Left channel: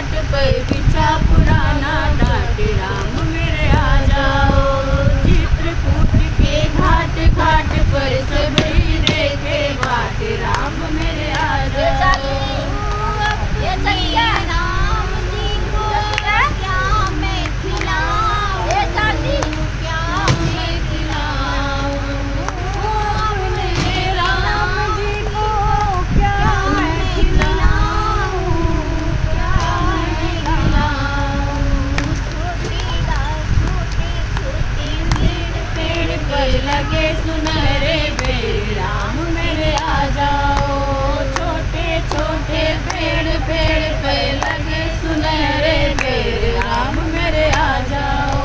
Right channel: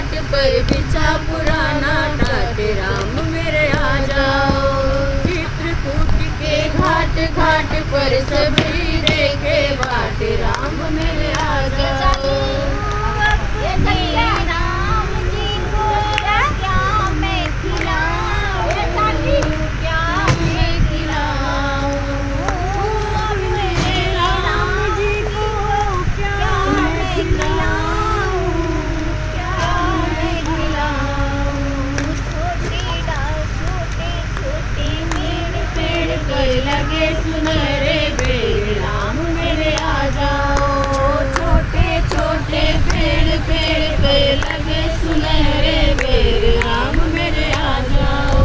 घाट पर बिछा पुराना टाट, राम मेरे आ जाओ। चित्रकूट के घाट घाट पर सबरी देखे बाट, राम मेरे आ जाओ। राम जी को क्या मैं खिलाऊं, क्या मैं खिलाऊं, राम जी को क्या मैं खिलाऊं, क्या मैं खिलाऊं। छोटी गाँव छोटे छोटे मेरे पेड़ पर लगे सुनहरे बेर, राम मेरे आ जाओ। छोटे छोटे पेड़ पेड़ पर लगे सुनहरे बेर, राम मेरे आ जाओ।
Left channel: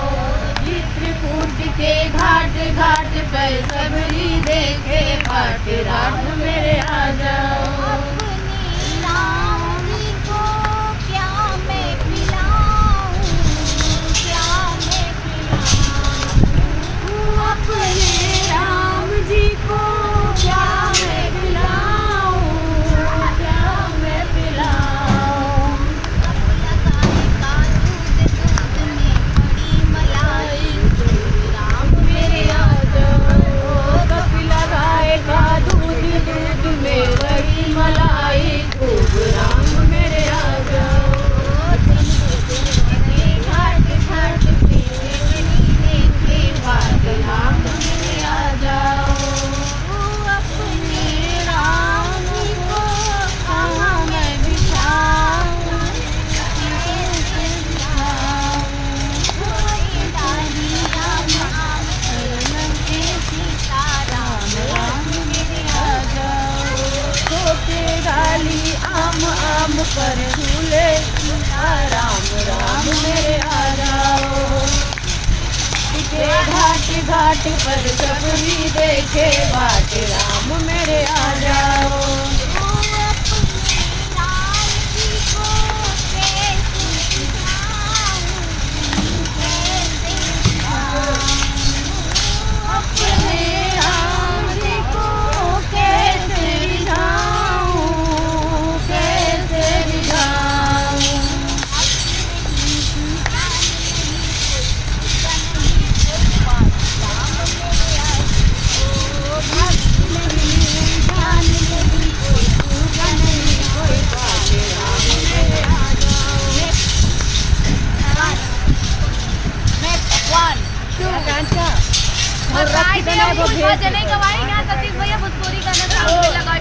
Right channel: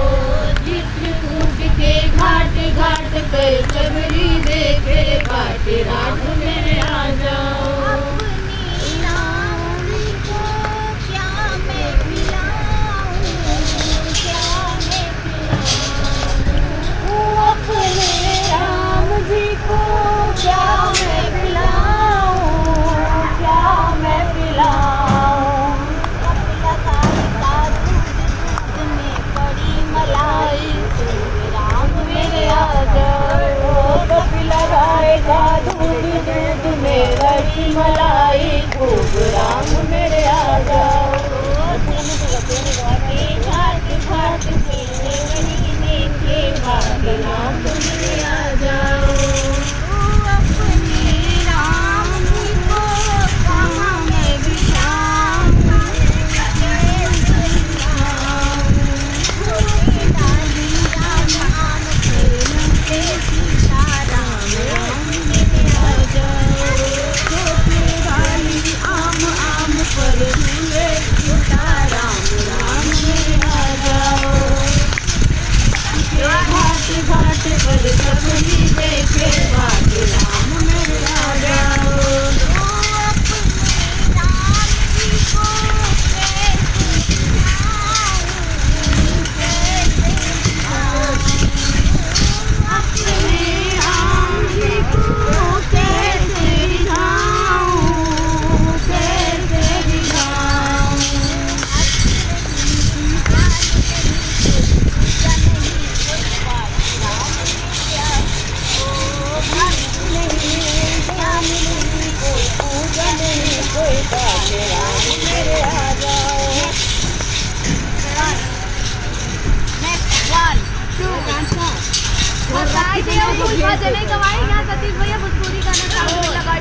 चित्रकूट के घाट घाट पर सबरी देखे बाट, राम मेरे आ जाओ। अपनी राम जी को क्या मैं पिलाऊं, क्या मैं पिलाऊं, अपने राम जी को क्या मैं पिलाऊं, क्या मैं पिलाऊं। का दूध में पड़ी मलाई, राम मेरे आ जाओ। कपिला गाय का दूध दूध में बड़ी मलाई खूब, राम मेरे आ जाओ। के घाट घाट पे देखे बाट, राम मेरे आ जाओ। अपने राम जी को कहाँ मैं बिठाऊं, कैसे बिठाऊं। छोटे डाली राम आम खेलते सीताराम, राम मेरे आ जाओ। छोटे डाली आम आम पर झूले सीताराम, राम मेरे आ जाओ। के घाट घाट पर सबरी देखे बाट, राम मेरे आ जाओ। अपने राम जी को कैसे बिठाऊं, कैसे बिठाऊं। अपने राम जी को कैसे रिझाऊं, कैसे रिझाऊं। जान नहीं कोई पूजा नहीं कोई बात, राम मेरे आ जाओ। Next 1, 2 अच्छा भैया भोजपुरी गाना चालू लगा